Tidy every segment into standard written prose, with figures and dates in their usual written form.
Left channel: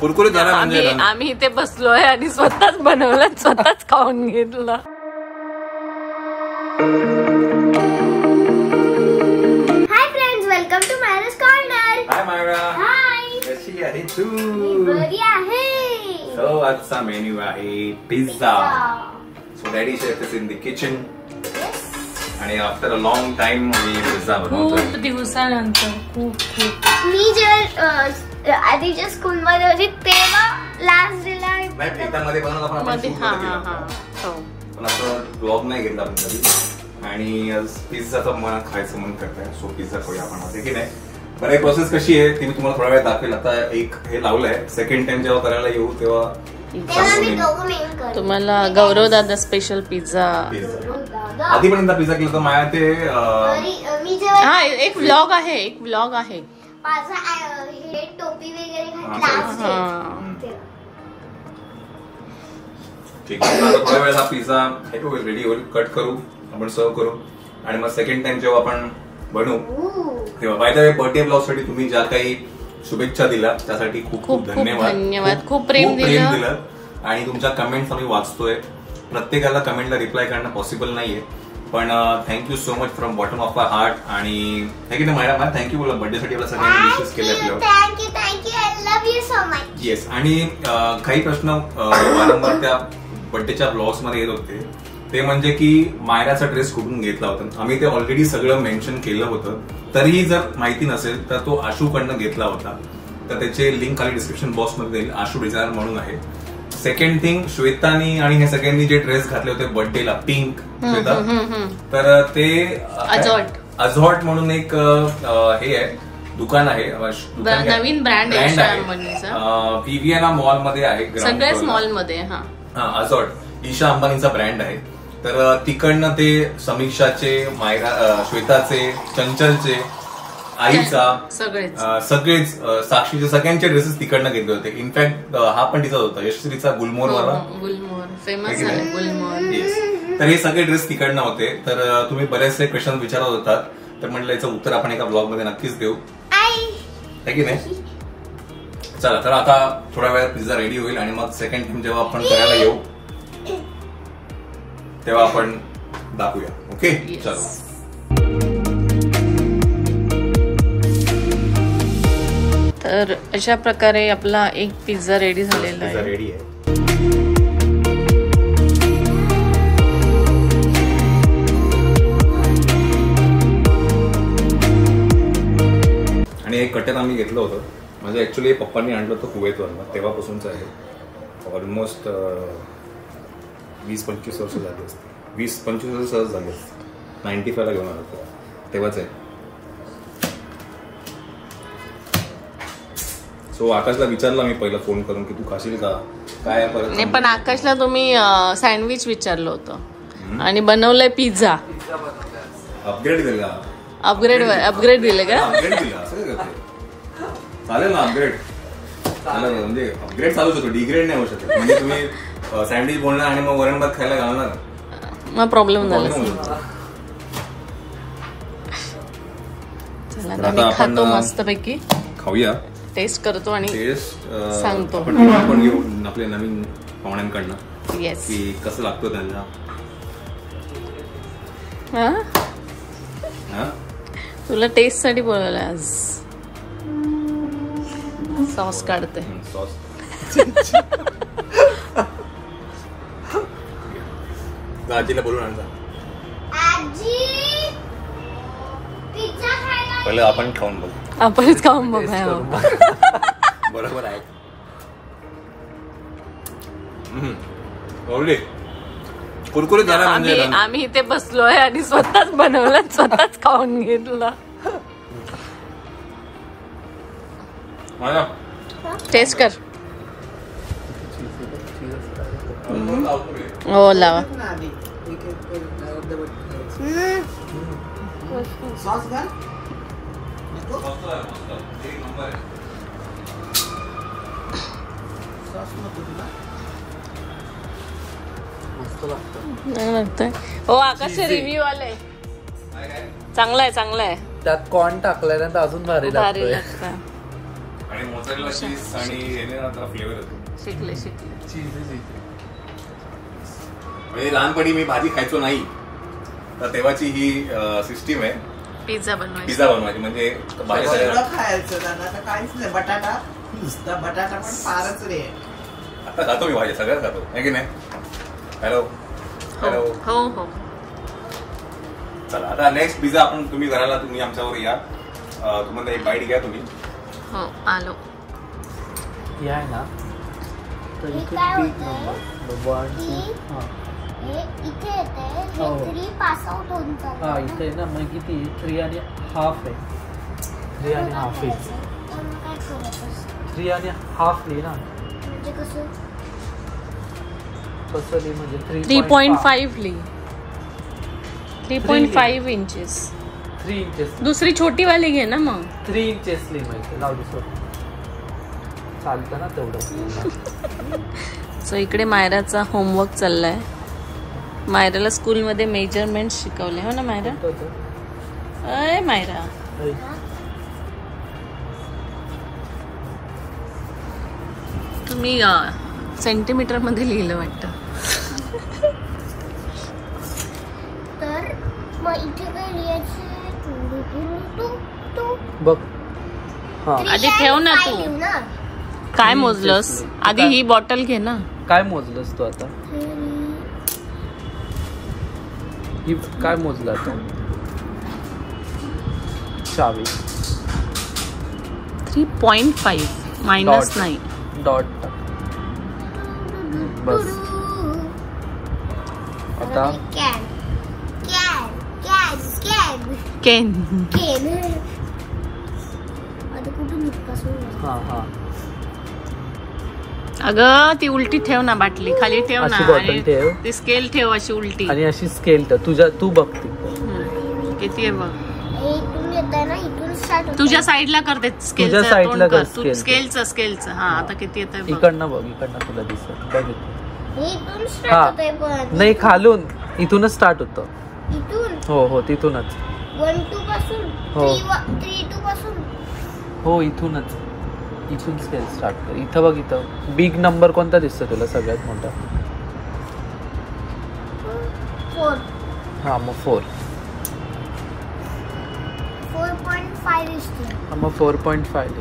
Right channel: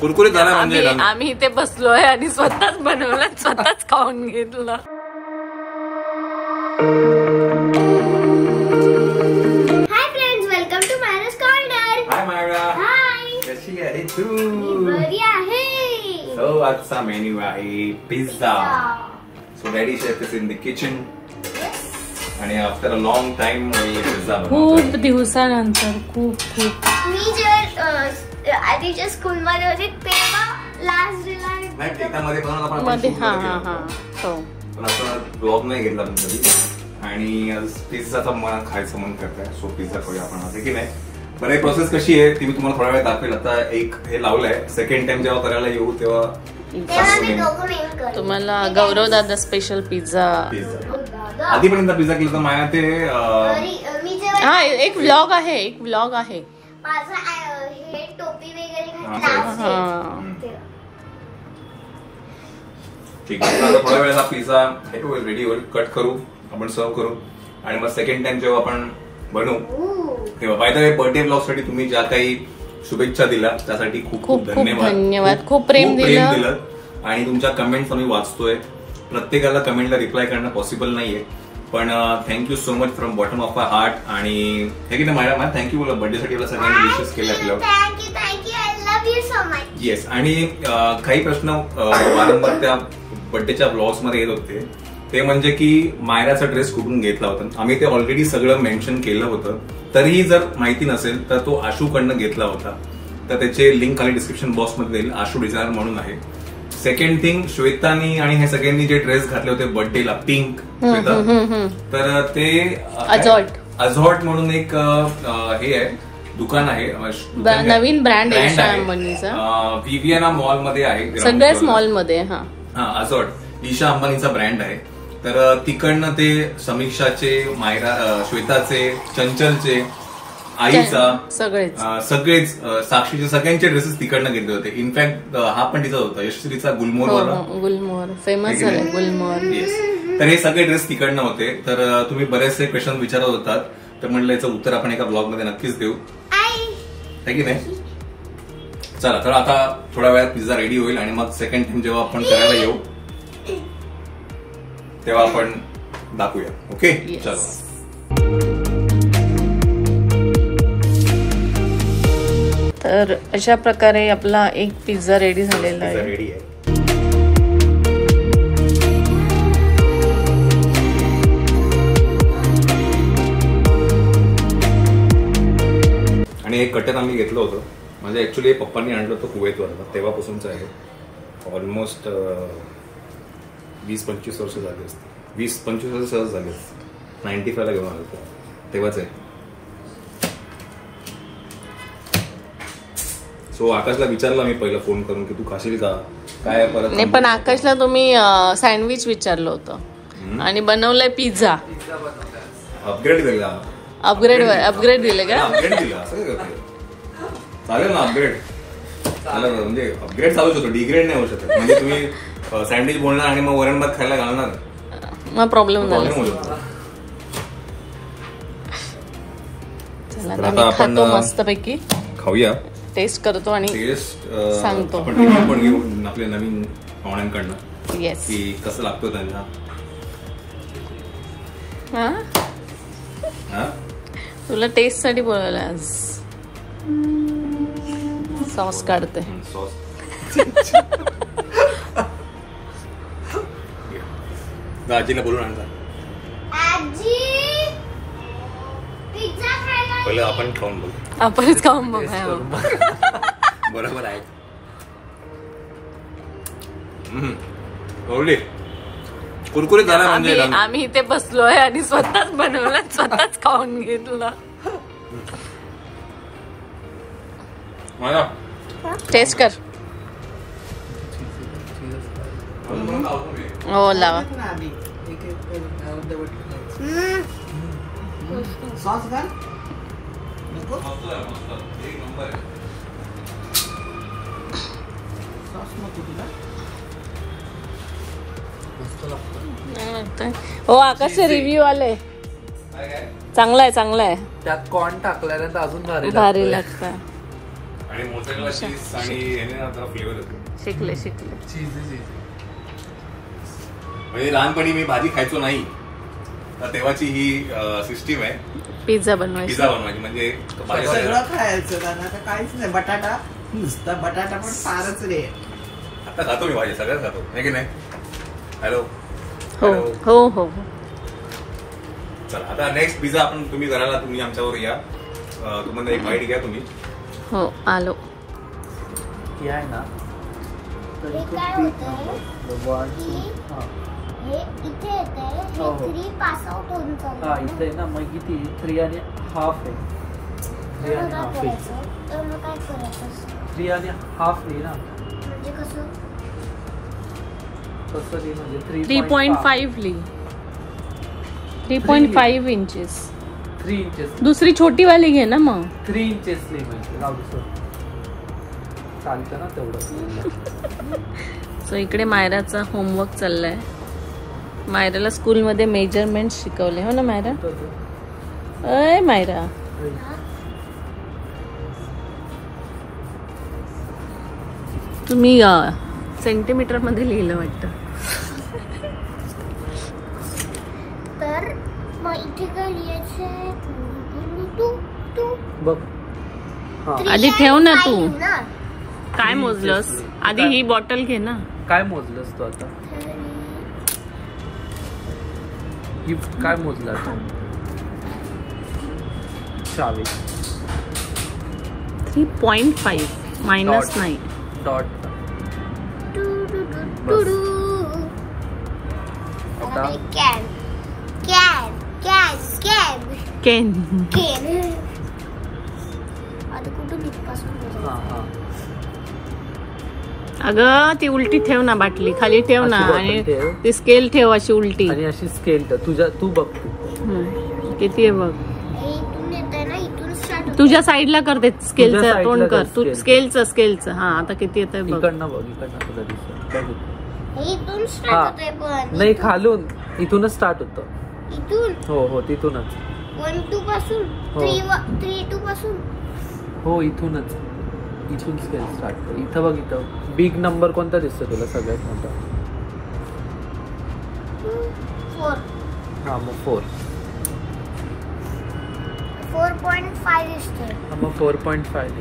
कुरकुरीत झाला म्हणजे आम्ही इथे बसलोय आणि स्वतःच बनवलं, स्वतःच खाऊन घेतलं. Hi friends, welcome to Myra's corner. Hi Myra. Hi. कशी आहे तू? बरी आहे. सो आजचा मेन्यू आहे pizza. So daddy chef is in the kitchen आणि after a long time pizza खूप दिवसानंतर खूप मी जेव्हा आधीच्या स्कूल मध्ये होते तेव्हा लास्ट डेला नाही एकदामध्ये बनवला मध्ये. हा हो, पण आपण ब्लॉग नाही घेतला आपण कधी. आणि आज पिझ्झाचा मला खायचं मन करतंय. सो पिझ्झा करूया आपण आज, की नाही. बरं ही प्रोसेस कशी आहे ती मी तुम्हाला थोडा वेळ दाखवेल. आता एक हे लावलंय, सेकंड टाइम जेव्हा करायला येऊ तेव्हा तुम्हाला गौरव दादा स्पेशल पिझ्झा. आधी पण एकदा पिझ्झा केला तर माझ्या ते हा एक व्लॉग आहे, टोपी वगैरे ठीक आहे. आता थोड्या वेळेला पिझ्झा हे होईल, रेडी होईल, कट करू, आपण सर्व करू आणि मग सेकंड टाइम जेव्हा आपण बनवू तेव्हा. By the way birthday blog साठी तुम्ही ज्या काही शुभेच्छा दिल्या त्यासाठी खूप खूप धन्यवाद. खूप प्रेम दिलं आणि तुमच्या कमेंट्स आम्ही वाचतोय. प्रत्येकाला कमेंटला रिप्लाय करणं पॉसिबल नाहीये, पण thank you so much from bottom of our heart. आणि हे की नाही मला थँक्यू बोला बर्थडे साठी सगळ्यांनी विशेष केले आपलं. Thank you I love you so much. Yes. आणि काही प्रश्न वारंवार त्या बर्थडेच्या ब्लॉग्स मध्ये येत होते, ते म्हणजे की मायराचा ड्रेस कुठून घेतला होता. आम्ही ते ऑलरेडी सगळं मेन्शन केलं होतं. तरीही जर माहिती नसेल तर तो आशूकडनं घेतला होता. तर त्याचे लिंक खाली डिस्क्रिप्शन बॉक्समध्ये देईल. आशू डिझायनर म्हणून आहे. सेकंड थिंग, श्वेतानी आणि हे सगळ्यांनी जे ड्रेस घातले होते बर्थडेला पिंक, तर ते अझॉट म्हणून एक हे आहे, दुकान आहे, नवीन ब्रँड आहे, विवियाना मॉल मध्ये आहे, सगळ्याच मॉल मध्ये. अझॉट ईशा अंबानीचा ब्रँड आहे. तर तिकडनं ते समीक्षाचे, मायरा, श्वेताचे, चंचलचे, आईचा, सगळेच साक्षीचे सगळ्यांचे ड्रेसेस तिकडनं घेतले होते. इनफॅक्ट हा पण तिचा होता, यशस्वीचा गुलमोहर फेमस आहे गुलमोहर. तर हे सगळे ड्रेस तिकडनं होते. तर तुम्ही बरेचसे क्वेश्चन विचारत होतात, तर म्हटलं याचं उत्तर आपण एका ब्लॉग मध्ये नक्कीच देऊ, है की नाही. चला, तर आता थोड्या वेळात पिझ्झा रेडी होईल आणि मग सेकंड टाइम जेव्हा आपण करायला येऊ तेव्हा आपण दाखवूया. ओके, चलो. तर अशा प्रकारे आपला एक पिझ्झा रेडी झालेला आहे. रेडी आहे. आणि एक कटर आम्ही घेतलं होतं. म्हणजे ऍक्च्युली पप्पांनी आणलं होतं कुवेतवरनं, तेव्हापासूनच आहे. ऑलमोस्ट 20-25 वर्ष झाली असते. 20-25 वर्ष सहज झाली असते. 95 ला घेऊन आलो होतो, तेव्हाच आहे. सो आकाशला विचारला मी पहिला फोन करून की तू खाशील का काय. नाही, पण आकाशला तुम्ही सँडविच विचारलं होतं आणि बनवलंय पिझ्झा. अपग्रेड दिला. अपग्रेड दिले का? अपग्रेड दिला असं काय करते. चालेल ना अपग्रेड. म्हणजे अपग्रेड चालू शकतो, डिग्रेड नाही होऊ शकत. म्हणजे तुम्ही सँडविच बोलणार आणि मग वरण भात खायला घालणार, मग प्रॉब्लेम झाला. चला, खातो मस्तपैकी, खाऊया, टेस्ट करतो आणि सांगतो. आपण पण घेऊ आपल्या नवीन पाहुण्यांकडनं. येस, की कसं लागतो त्यांना. तुला टेस्ट साठी बोलवलं आज. सॉस काढते. सॉस आजीला बोलून आणता. पहिले आपण खाऊन बघू. आपणच खाऊन बघा. बरोबर आहे. कुरकुरीत झाला म्हणजे. आम्ही इथे बसलोय आणि स्वतःच बनवलं, स्वतःच खाऊन घेतलं. टेस्ट कर. हो, लावा. हो, आकाशचे रिव्ह्यू आले. चांगला आहे. त्यात कॉर्न टाकल्यानंतर अजून भारी भारी लागतोय. लागतं. आणि मोझरेला चीज आणि याने ना जरा फ्लेवर येतो. शिकले म्हणजे लहानपणी मी भाजी खायचो नाही, तर तेव्हाची ही सिस्टीम आहे पिझ्झा बनवायचा. पिझ्झा बनवायची. म्हणजे सगळं खायचं त्यांना तर काहीच नाही. बटाटा नुसता बटाटा पण फारच रे. आता खातो मी भाजी, सगळ्यात खातो आहे की नाही. हॅलो हो हो हो. चला आता नेक्स्ट पिझ्झा आपण तुम्ही घराला तुम्ही आमच्यावर या, तुम्हाला एक बाईट घ्या तुम्ही. हो आलो. हे आहे ना हे काय होतं हे इथे येते हो. 3 पास आउट होऊन हा इथे आहे ना, मग किती 3.5 आहे. 3.5 आहे. तर मग काय करायचं 3.5 लिही ना. म्हणजे कसं तसं लिही म्हणजे 3.5 ली 3.5 इंचेस. 3 इंचेस. दुसरी छोटी वाली घे ना मग. 3 इंचेस लिही म्हणजे जाऊ दे सोड. चालतं ना तेवढं. सो इकडे मायराचा होमवर्क चाललाय. मायराला स्कूलमध्ये मेजरमेंट शिकवले हो ना मायरा. अय मायरा तुम्ही सेंटीमीटर मध्ये लिहिलं वाटतं. तर मग इथे काय लिहायचं टू बघ. हा आधी ठेव ना तू. काय मोजलंस आधी? ही बॉटल घे ना. काय मोजलंस तू आता? ही काय मोजलं आता? 3.5 मायनस नाही. डॉट. कॅन केन. आता कुठं इथपासून हा हा. अगं ती उलटी ठेव ना, बाटली खाली ठेव ना. अशी बॉटल आणि ठेव. ती स्केल ठेव अशी उलटी. आणि अशी स्केल तू बघते किती आहे बघ. इथून येत आहे ना, इथून स्टार्ट तुझ्या साईडला कर ते स्केलचं तुझ्या तोंड साईडला कर. कर तू स्केल. स्केलचं हा आता किती येत आहे बघ. इकडनं बघ. इकडनं तुला दिसेल. इथून स्टार्ट होत आहे पण नाही खालून इथूनच स्टार्ट होतं. इथून हो तिथूनच. 1 2 पासून हो. 3 2 पासून हो इथून स्केल स्टार्ट होतं. इथं बघ. इथं बिग नंबर कोणता दिसतो तुला सगळ्यात मोठा? 4 हा मग 4. 4.5 दिसतोय. हा मग 4.5.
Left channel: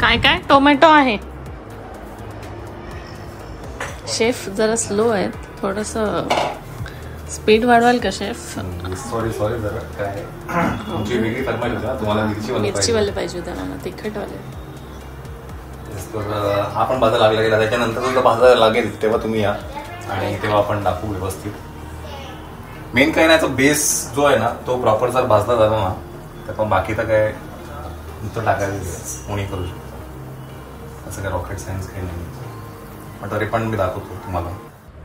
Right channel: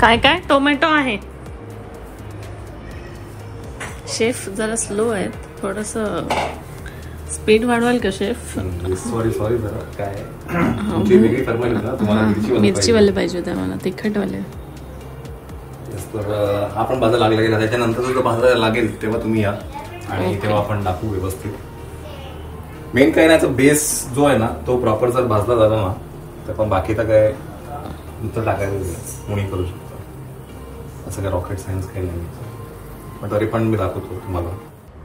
काय काय टोमॅटो आहे. शेफ जरा स्लो आहे, थोडस स्पीड वाढवाल का शेफ? सॉरी जरा काय तुमची वेगळी फरमाईश होती ना, तुम्हाला मिरची वाली पाहिजे होती, तिखट वाली. तर हा पण भाजा लागला गेला. त्याच्यानंतर जर भाजा लागेल तेव्हा तुम्ही या आणि तेव्हा आपण टाकू व्यवस्थित. मेन कैऱ्याचा बेस जो आहे ना तो प्रॉपर जर भाजला झाला ना तर पण बाकीचं काय नुसतं टाकायचं कोणी करू शकतो. असं काय रॉकेट सायन्स काही नाही. पण तरी पण मी दाखवतो तुम्हाला.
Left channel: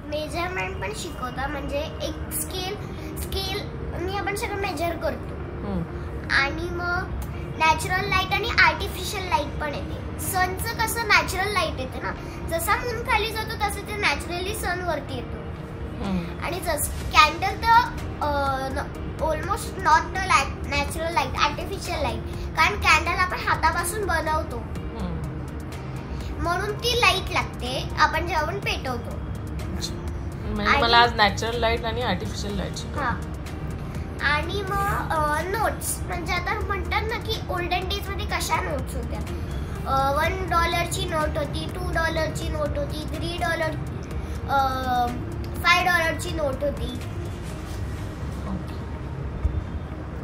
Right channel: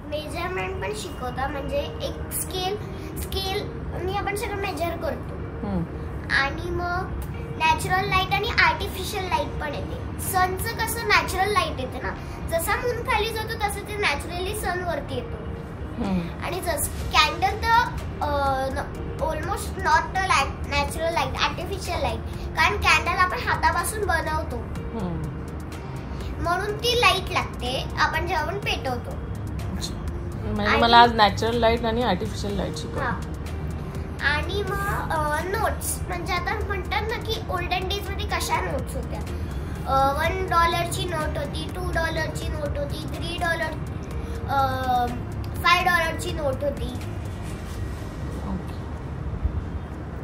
मेजरमेंट पण शिकवता म्हणजे एक स्केल आपण सगळं मेजर करतो. आणि मग नॅचरल लाईट आणि आर्टिफिशियल लाईट पण येते. सनचं कसं नॅचरल लाईट येते ना, जसा मून खाली जातो तसं ते नॅचरली सन वरती येतो. आणि कॅन्डल तर almost not natural light, artificial light. कारण कॅन्डल आपण हातापासून बनवतो म्हणून ती लाईट लागते आपण जेव्हा आपण पेटवतो. म्हणजे मला आज नॅचरल लाईट आणि आर्टिफिशियल लाईट शिकव. आणि मग नोट्स म्हणजे आता म्हणतात ना की ओल्डन डेज मध्ये कशा नोट्स होत्या. $1 नोट होती, $2 नोट होती, $3, $5 नोट होती.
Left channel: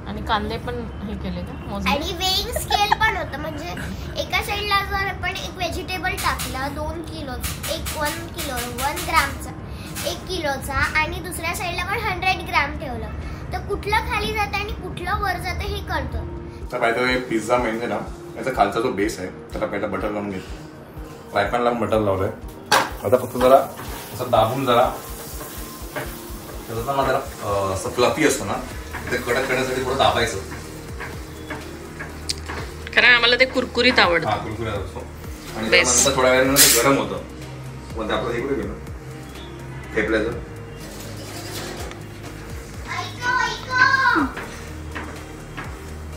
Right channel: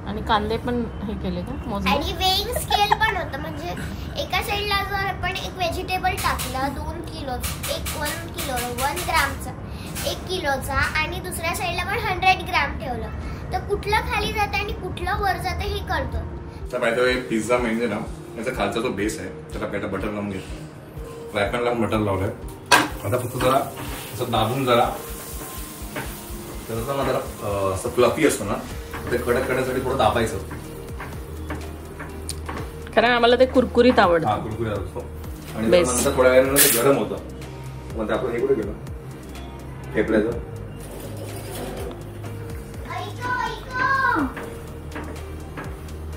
आणि कांदे पण हे केले का मोजले? आणि वेइंग स्केल पण होतं. म्हणजे एका साईडला जर आपण एक व्हेजिटेबल टाकला 2 किलो, 1 ग्रामचा, 1 किलोचा, आणि दुसऱ्या साईडला पण 100 ग्राम ठेवलं तर कुठलं खाली जातं आणि कुठलं वर जातं हे कळतं. तर माहिती पिझ्झा म्हणजे ना याचा खालचा जो बेस आहे त्याला पहिला बटर लावून घेतो. फ्राय पॅनला बटर लावलंय. आता फक्त जरा असं दाबून जरा असं फ्लफी असतो ना ते कडक करण्यासाठी थोडं दाबायचं. कारण आम्हाला ते कुरकुरीत आवडतं. कुरकुरीत असतो. आणि नंतर थोड्या वेळानंतर गरम होतं. मग आपलं हे कुठे गेलं ठेपल्याचं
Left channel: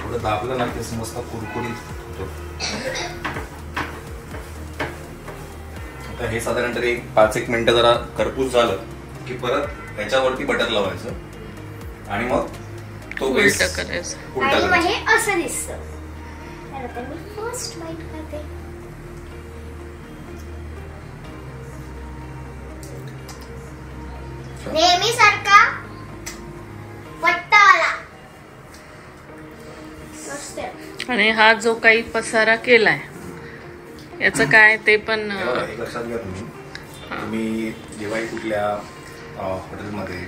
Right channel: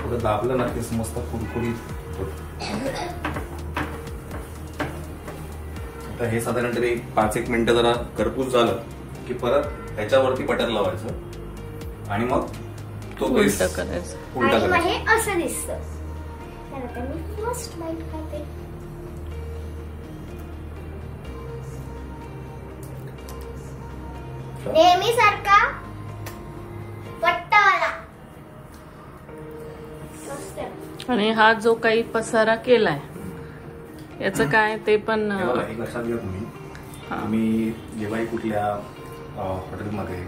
थोडं दाबलं ना ते मस्त कुरकुरीत होतं. आता हे साधारण तरी 5-1 मिनिटं जरा करपूस झालं की परत ह्याच्यावरती बटर लावायचं आणि मग तो उलट करायचं. उलटा आणि मग करायचं. हे असं दिसतं. तर आता मी फर्स्ट बाईट खाते. नेहमी सारखा पट्टावाला. मस्त आहे. आणि हा जो काही पसारा केलाय याचं काय ते पण बघा, एक लक्षात घ्या तुम्ही. तुम्ही जेव्हाही कुठल्या हॉटेलमध्ये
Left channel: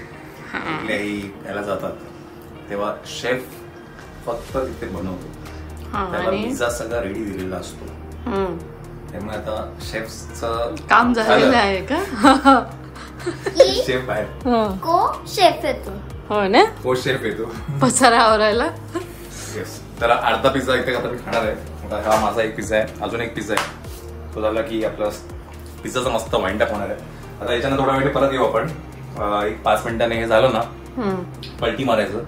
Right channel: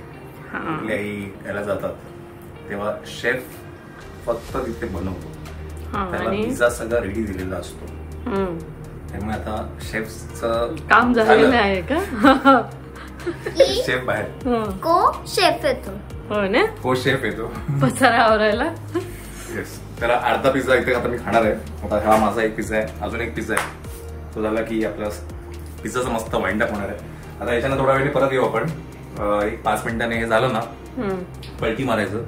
कुठल्याही याला जातात तेव्हा शेफ फक्त तिथे बनवतो. त्याला आणि पिझ्झा सगळा रेडी दिलेला असतो. त्यामुळे आता शेफचं काम झालेलं आहे का? की शेफ बाहेर को शेफ येतो. हो ना, हो शेफ येतो. पसारा आवरायला. येस. तर अर्धा पिझ्झा इथे आता मी खाणार आहे. आता हा माझा एक पिझ्झा आहे, अजून एक पिझ्झा आहे. तो झाला की आपला पिझ्झाचा मस्त वाइंडअप होणार आहे. आता याच्यानं थोडा वेळ परत येऊ आपण. एक 5 मिनिटांनी हे झालं ना पलटी मारायचं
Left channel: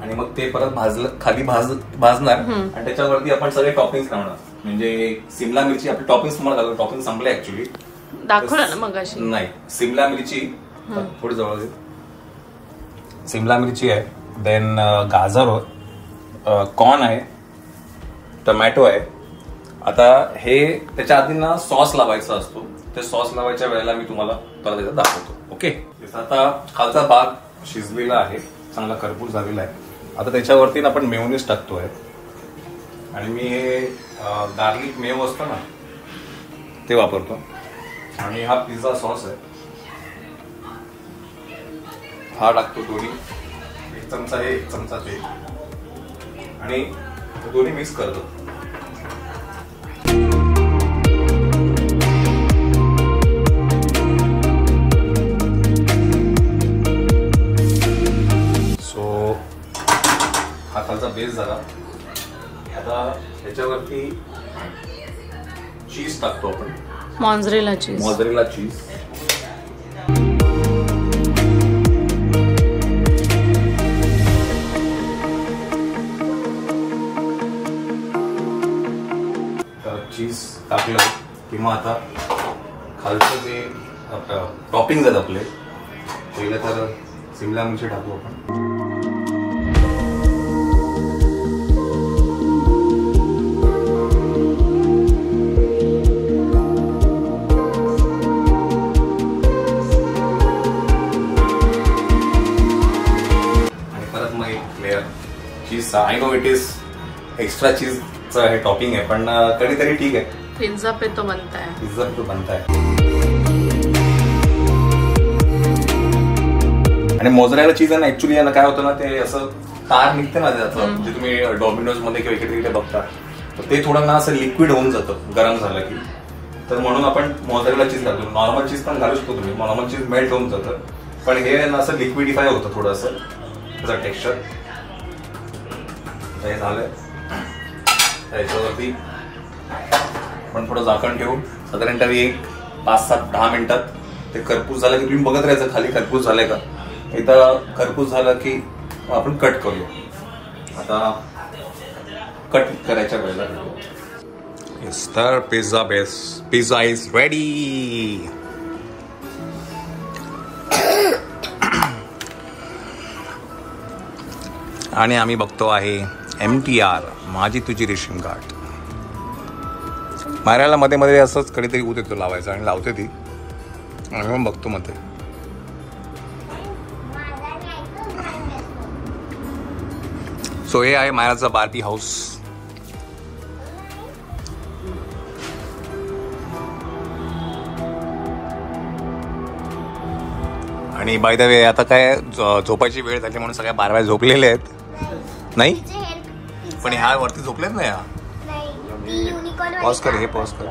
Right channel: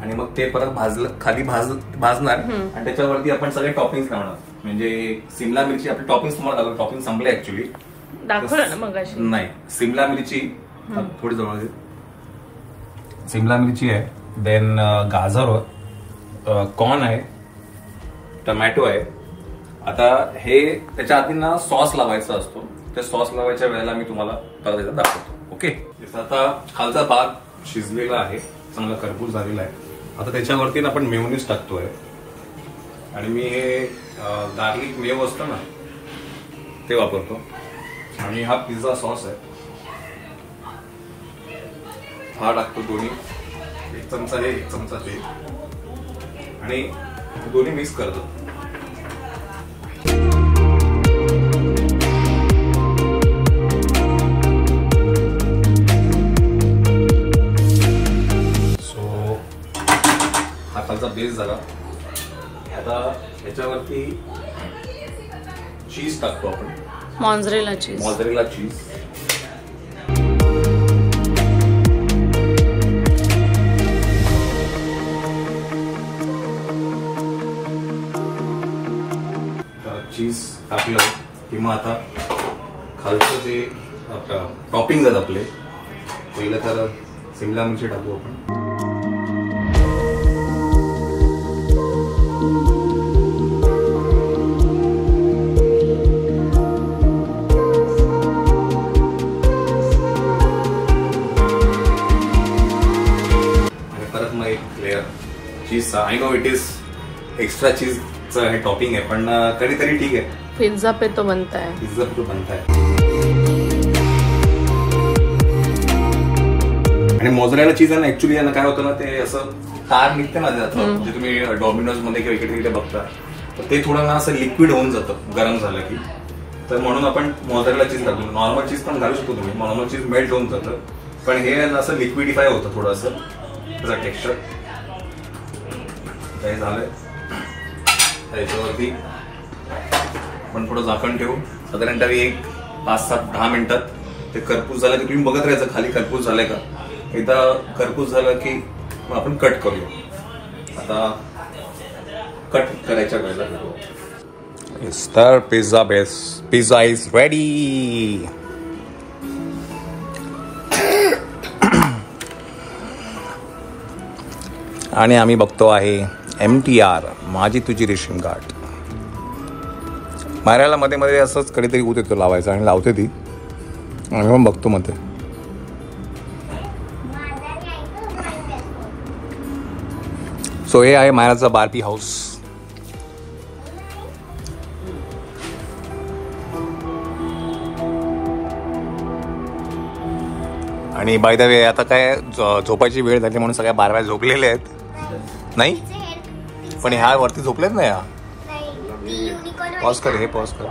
आणि मग ते परत खाली भाजणार आणि त्याच्यावरती आपण सगळे टॉपिंग्स लावणार. म्हणजे सिमला मिरची आपली टॉपिंग्स तुम्हाला टॉपिंग संपले ऍक्च्युली. दाखवलं ना मग अशी. नाही, सिमला मिरची थोडी जवळ. सिमला मिरची आहे, देन गाजर, कॉर्न आहे, टोमॅटो आहे. आता हे त्याच्या आधी ना सॉस लावायचा असतो. ते सॉस लावायच्या वेळेला मी तुम्हाला परत दाखवतो. ओके. आता खालचा भाग शिजलेला आहे, चांगला करपूस झालेला आहे. आता त्याच्यावरती आपण मेयोनीज टाकतोय आणि मी हे गार्लिक मेयो असतो ना ते वापरतो. आणि हा पिझ्झा सॉस आहे, हा टाकतो दोन्ही. 1 चमचा हे, 1 चमचा ते, आणि दोन्ही मिक्स करतो. सो हा खालचा बेस झाला. आता याच्यावरती चीज टाकतो आपण. मॉन्झरेला चीज. मोझरेला चीज. चीज टाकलं किंवा आता खालचं जे टॉपिंग आहेत आपले, पहिलं तर सिमला मिरची टाकू आपण. चीजचा I know it is extra चीजचं हे टॉपिंग आहे, पण कधीतरी ठीक आहे. पिझ्झा पे तो बनता है. पिझ्झा पे तो बनता है. आणि मोझरेला चीज आहे ना, ऍक्च्युली यांना काय होतं ना, ते असं तार निघतं ना त्याचं. जे तुम्ही डॉमिनोज मध्ये किंवा इकडे तिकडे बघता, तर ते थोडं ना असं लिक्विड होऊन जातं गरम झालं की. तर म्हणून आपण मोझरेला चीज घालतो. नॉर्मल चीज पण घालू शकतो तुम्ही, नॉर्मल चीज मेल्ट होऊन जातं, पण हे ना असं लिक्विडिफाय होतं थोडंसं त्याचं टेक्स्चर. हे झालं. त्याच्यावरती आपण थोडं झाकण ठेवून साधारणतः 5-7-10 मिनिटात ते करपूस झालं की तुम्ही बघत राहायचं खाली करपूस झालंय का. एकदा करपूस झालं की आपण कट करूया. आता कट करायच्या वेळेला तर पिझ्झा इज रेडी. आणि आम्ही बघतो आहे MTR माझी तुझी रेशीम गाठ. मारायला मध्ये मध्ये असंच कधीतरी ऊत येतो लावायचा आणि लावते ती, आणि मग बघतो मध्ये. सो हे आहे मायराचा बार्बी हाऊस. आणि बाय द वे आता काय झोपायची वेळ झाली म्हणून सगळ्या बारव्या झोपलेल्या आहेत. नाही पण ह्या वरती झोपलेत ना. या पॉज कर, हे पॉज कर.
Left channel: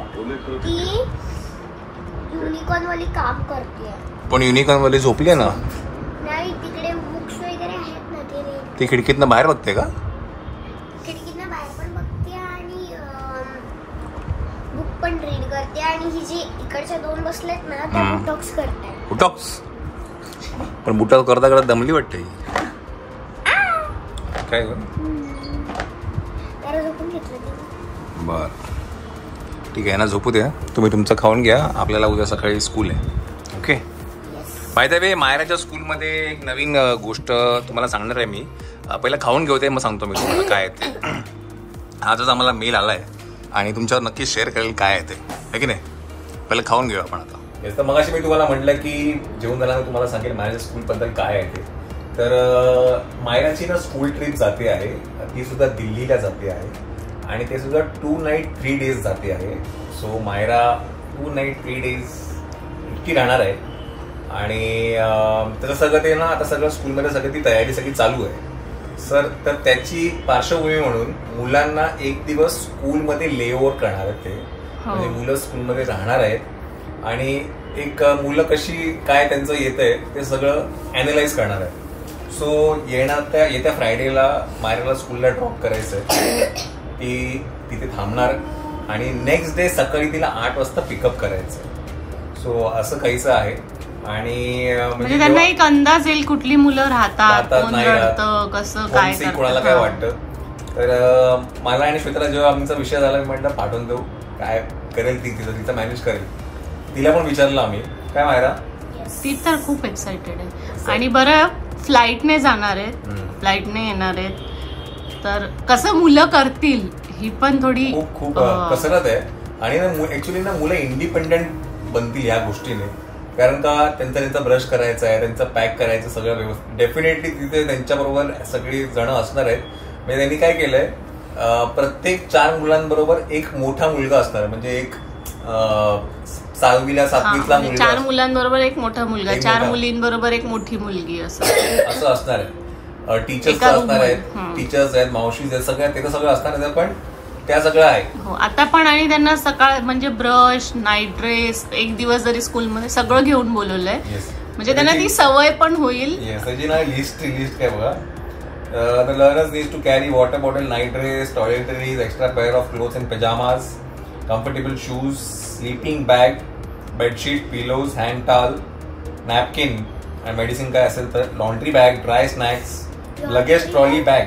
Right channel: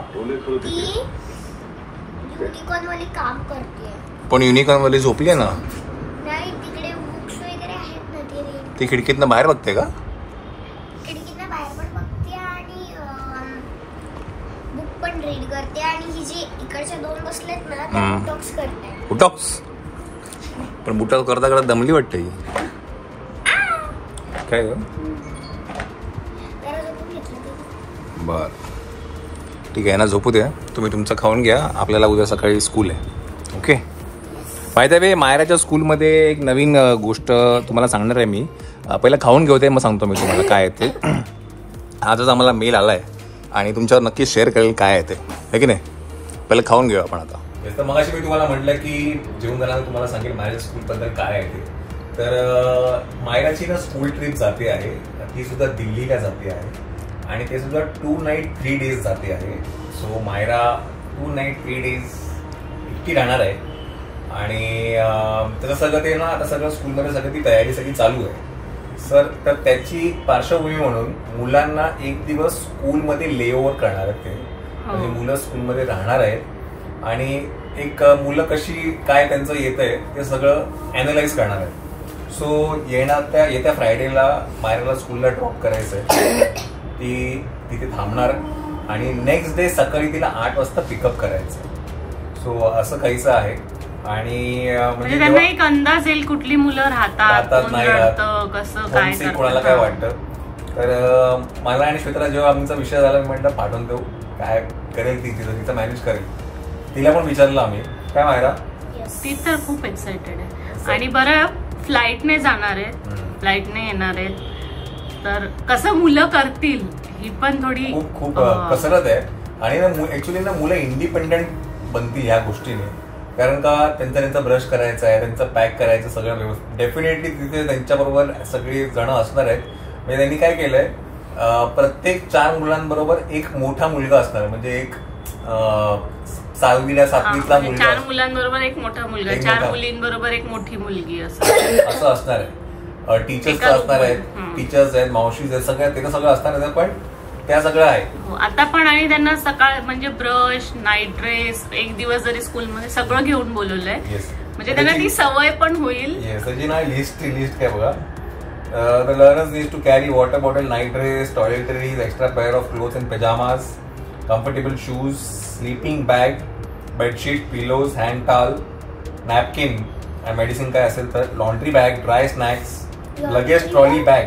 युनिकॉर्न वाली काम करते, पण युनिकॉर्न वाली झोपली ना. नाही तिकडे बुक्स वगैरे आहेत ना, ते ती खिडकीतनं बाहेर बघते का? खिडकीतनं बाहेर पण बघते आणि बुक पण रीड करते. आणि ही जी इकडच्या 2 बसलेत ना, ते बुटॉक्स करते. बुटॉक्स? पण बुटॉक्स करता करता दमली वाटते काय ग. मायरा झोपून घेतलं. बर ठीक आहे ना, झोपू द्या. तुम्ही तुमचं खाऊन घ्या. आपल्याला उद्या सकाळी स्कूल आहे. ओके. माहिती आहे मायराच्या स्कूलमध्ये एक नवीन गोष्ट तुम्हाला सांगणार आहे मी. पहिलं खाऊन घेऊ ते, मग सांगतो मी तुम्हाला काय आहे ते. आजच आम्हाला मेल आला आहे आणि तुमच्यावर नक्की शेअर करेल काय आहे ते, आहे की नाही. पहिलं खाऊन घेऊ आपण आता. तर मगाशी मी तुम्हाला म्हटलं की जेवण झाल्यानंतर तुम्हाला सांगेल मायराच्या स्कूलबद्दल काय आहे ते. तर मायराची ना स्कूल ट्रिप जाते आहे, ती सुद्धा दिल्लीला जाते आहे आणि ते सुद्धा 2 नाईट 3 डेज जाते आहे. सो मायरा 2 नाईट 3 डेज इतकी राहणार आहे आणि त्याचं सगळं ते ना आता सगळं स्कूलमध्ये सगळं ती तयारी सगळी चालू आहे सर. तर त्याची पार्श्वभूमी म्हणून मुलांना एक दिवस स्कूलमध्ये ले ओव्हर करणार आहेत ते, म्हणजे मुलं स्कूलमध्ये राहणार आहेत आणि एक मुलं कशी काय त्यांचं येत आहे ते सगळं अॅनलाइज करणार आहे. सो येत्या फ्रायडेला मायराला स्कूलला ड्रॉप करायचं आहे. ती तिथे थांबणार आणि नेक्स्ट डे सकाळी तिला 8 वाजता पिकअप करायचं. सो असं काहीच आहे आणि म्हणजे त्यांना एक अंदाज येईल कुठली मुलं राहतात, नाही राहत, कसं काय कोणाला काय वाटतं. तर मला आणि श्वेताला जेव्हा आमचा विषय झाला मी म्हटलं पाठवून देऊ, काय करेल ती, तिचं मॅनेज करेल. तिला पण विचारलं आम्ही. काय मायरा? ती तर खूप एक्साइटेड आहे. आणि बरं फ्लाईटने जाणार आहेत, फ्लाईटने येणार आहेत, तर कसं मुलं करतील ही पण थोडी खूप कसरत आहे. आणि ऍक्च्युली ना मुलं इंडिपेंडेंट बनतील या गोष्टीने, कारण का त्यांचा ब्रश करायचा आहे, त्यांचं पॅक करायचं सगळं व्यवस्थित. डेफिनेटली तिथे त्यांच्याबरोबर सगळी जण असणार आहेत. म्हणजे त्यांनी काय केलंय, प्रत्येक 4 मुलांबरोबर एक मोठा मुलगा असणार, म्हणजे एक 6वीला 7वीतला मुलगा, 4 मुलांबरोबर एक मोठा मुलगा, 4 मुलींबरोबर एक मोठी मुलगी असं असणार आहे. टीचर्स असणार आहेत, टीचर्स आहेत, मावशीज आहेत, सगळ्या ते सगळं असणार आहे. पण त्या सगळं आहे आता पण. आणि त्यांना सकाळ म्हणजे ब्रश, नाईट ड्रेस, एक दिवस जरी स्कूलमध्ये सगळं घेऊन बोलवलंय, म्हणजे त्यांना ती सवय पण होईल. त्याची ना लिस्ट काय बघा. The learners need to carry water bottle, night dress, toiletries, extra pair of clothes and pajamas, comfortable shoes, sleeping bag, bedsheet, pillows, hand towel, napkin and medicine काय असेल तर, laundry bag, dry snacks, luggage trolley bag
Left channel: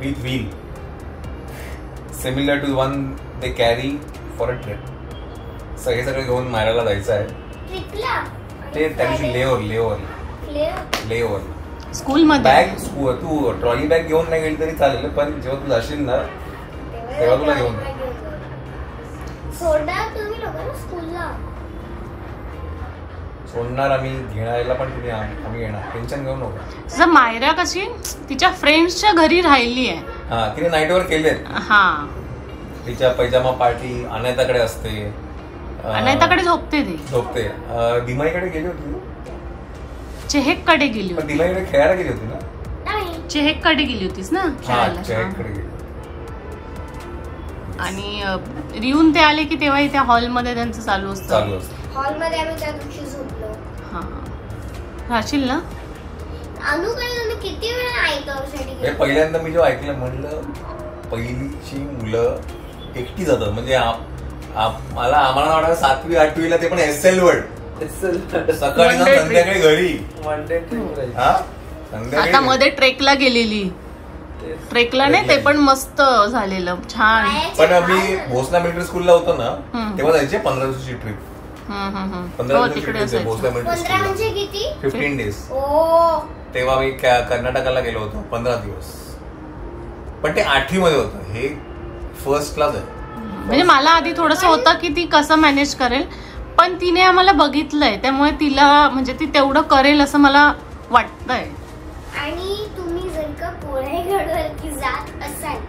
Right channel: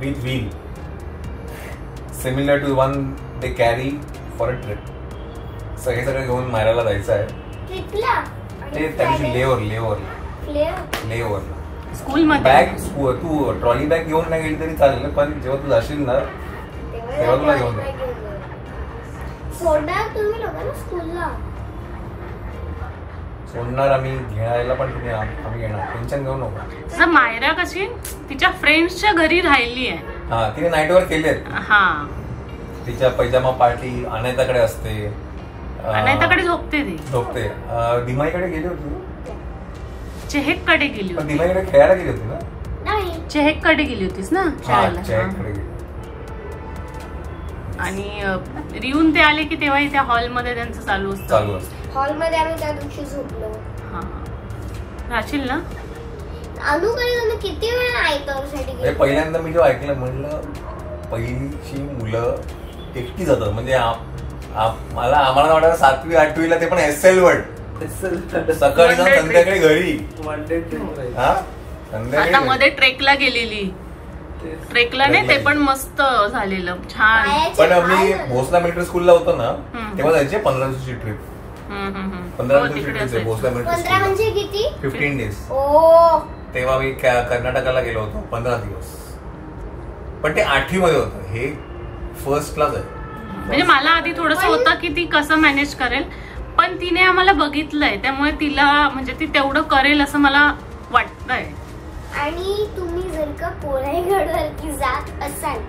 with wheel, similar to one they carry for a trip. So हे सगळं घेऊन मायराला जायचं आहे. ट्रिपला ते त्या दिवशी लेओव्हर स्कूलमध्ये. बॅग तू ट्रॉली बॅग घेऊन नाही गेली तरी चालेल, पण जेव्हा तू जाशील ना तेव्हा तुला घेऊन सोडणार तुम्ही लोकांना स्कूलला. सोडणार आम्ही, घेणायला पण तुम्ही आम्ही घेणार, टेन्शन घेऊ नका. जसं मायरा कशी तिच्या फ्रेंड्सच्या घरी राहिली आहे. हा, तिने नाईटवर केले. हा, तिच्या पैजामा पार्टी अनायताकडे असते, अनायताकडे झोपते. दिमाईकडे गेली होती, चेहेककडे गेली होती. दिमाईकडे खेळायला गेली होती ना. नाही, चेहेककडे गेली होतीस ना शाळेला. चेहेककडे गेली. आणि रिहून ते आले की तेव्हा त्या हॉलमध्ये त्यांचं चालू असतं. हॉलमध्ये आम्ही त्या दिवशी झोपलो. हा, राहशील ना. अनुकडे तुम्ही किती वेळा आयतावरसाठी. पहिल्यांदा मी जेव्हा ऐकलं म्हणलं पहिलीची मुलं एकटी जातात, म्हणजे आम्हाला वाटतं 7वी 8वीला ते पण SL वर्ड, सकाळी जाऊन संध्याकाळी घरी. आता मध्ये ट्रेकला गेलेली, ट्रेकला नाही ते पण मस्त झालेलं, छान. पण आम्ही भोसला मिलिटरी स्कूलला होतो ना तेव्हा जायचे 15 दिवसाची ट्रिप. 15 दिवसाची ट्रिप भोसला मिलिटरी स्कूल. म्हणजे किती? 15 डेज. तेव्हा मी कर्नाटकाला गेलो होतो 15 दिवस. पण ते 8वी मध्ये होतं, हे फर्स्ट क्लास आहे. म्हणजे मला आधी थोडंसं होतं की ती कसं मॅनेज करेल, पण तिने आम्हाला बघितलंय त्यामुळे तिला म्हणजे ती तेवढं करेल असं मला वाटतंय. आणि तुम्ही जर का कोराईगडवरती जात असाल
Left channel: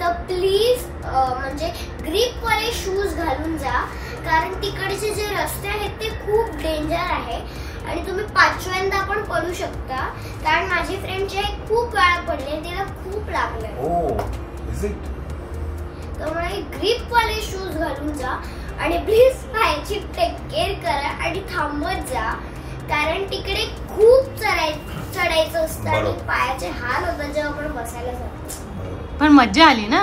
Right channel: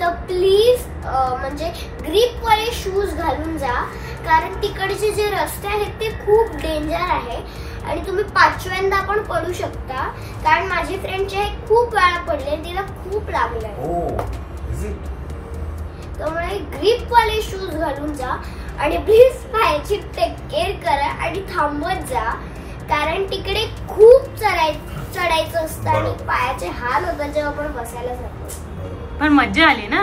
तर प्लीज म्हणजे ग्रीपवाले शूज घालून जा, कारण तिकडचे जे रस्ते आहेत ते खूप डेंजर आहे आणि तुम्ही 5व्यांदा पण पडू शकता. कारण माझी फ्रेंडचे खूप वेळा पडले, तिला खूप लागलंय. त्यामुळे ग्रीपवाले शूज घालून जा आणि प्लीज पायाची टेक केअर करा आणि थांबत जा, कारण तिकडे खूप चढायचं असतं आणि पायाचे हाल होतात जेव्हा आपण बसायला जातो. पण मज्जा आली ना.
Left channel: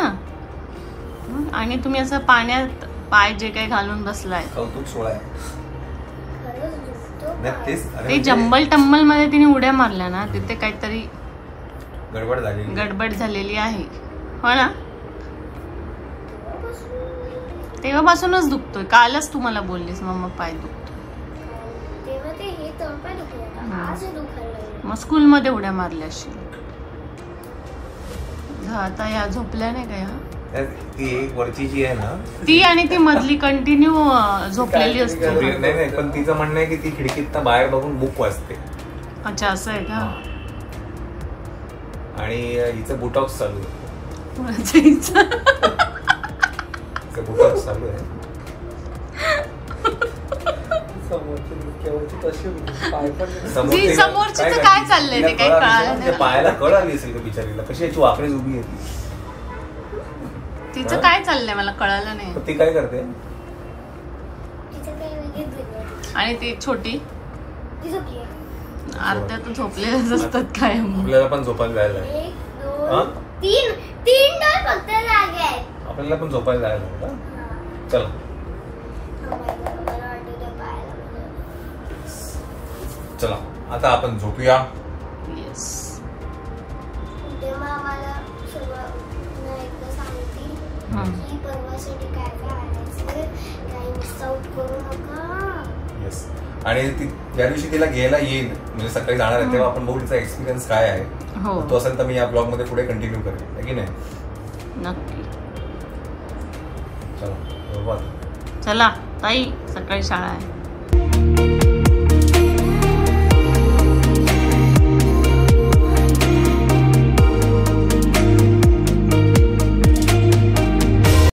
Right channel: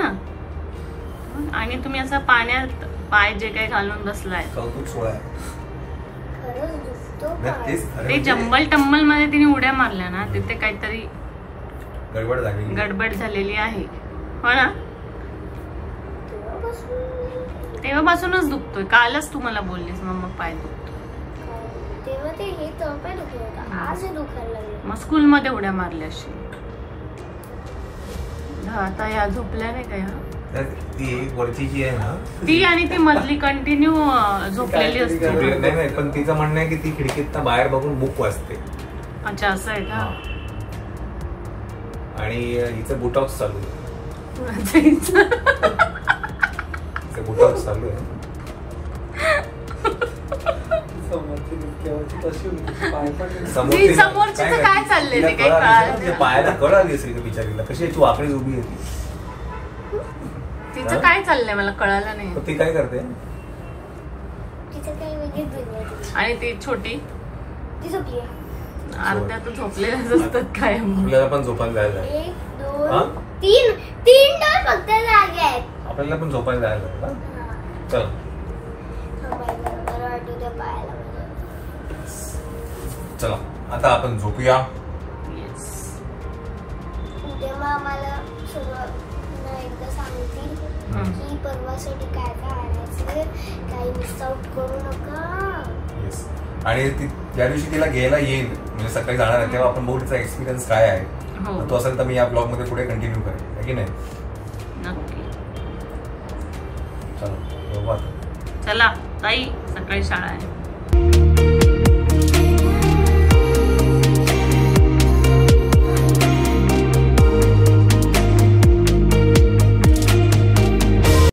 आणि तुम्ही असं पाण्यात पाय जे काही घालून बसलाय, ते जंबल टम्बल मध्ये तिने उड्या मारल्या ना, तिथे काहीतरी गडबड झालेली आहे, हो ना. तेव्हापासूनच दुखतोय. कालच तू मला बोललीस मम्मा पाय दुखतो. तेव्हा ते हे तळपाय दुखत होतं, आज हे दुखायला लागलं. मग स्कूलमध्ये उड्या मारल्या असेल. आता या झोपल्या नाही का या? ती वरची जी आहे ना ती आणि ती मधली कंटिन्यू झोपलेली असते. नाही नाही, पण तिचं म्हणणं आहे की ती खिडकीत बाहेर बघून बुक वाचते. अच्छा असं आहे का? आणि हिचं बुटॉक्स चालू आहे. बुटॉक्स चालू आहे. समोरची काय चाललंय ते काही कळालं. पायाला कळ आली असेल का बिचारीला, कशी याची वाकडी उभी आहे तिचं काय चाललंय मला कळालं नाही. ती काय करते? तिचं काही वेगळीच दुनिया. आणि ती छोटी ती झोपली. अर्ध्या तर झोपलेल्याच असतात काय. आपल्याला पण झोपायला जायला आहे. 1 2 3 तास फक्त जागे आहेत. आपल्याला पण झोपायला जायला आहे का? चला चला आता आपण झोपूया. तेव्हा आम्हाला सगळं एकदा सांगतील की परवासाठी काय काय आणायचं, काही मिस आउट करू नका. येस. आणि त्या दिवशी तिला घ्यायला येईल, म्हणजे सकाळी जाणार आहे तेव्हा आपण बघू तिचा एक्सपिरियन्स काय आहे. तो असेल तर मी या ब्लॉग मध्ये पुढे कंटिन्यू करेन, आहे की नाही? नक्की. चला चला ताई, सकाळी शाळा आहे.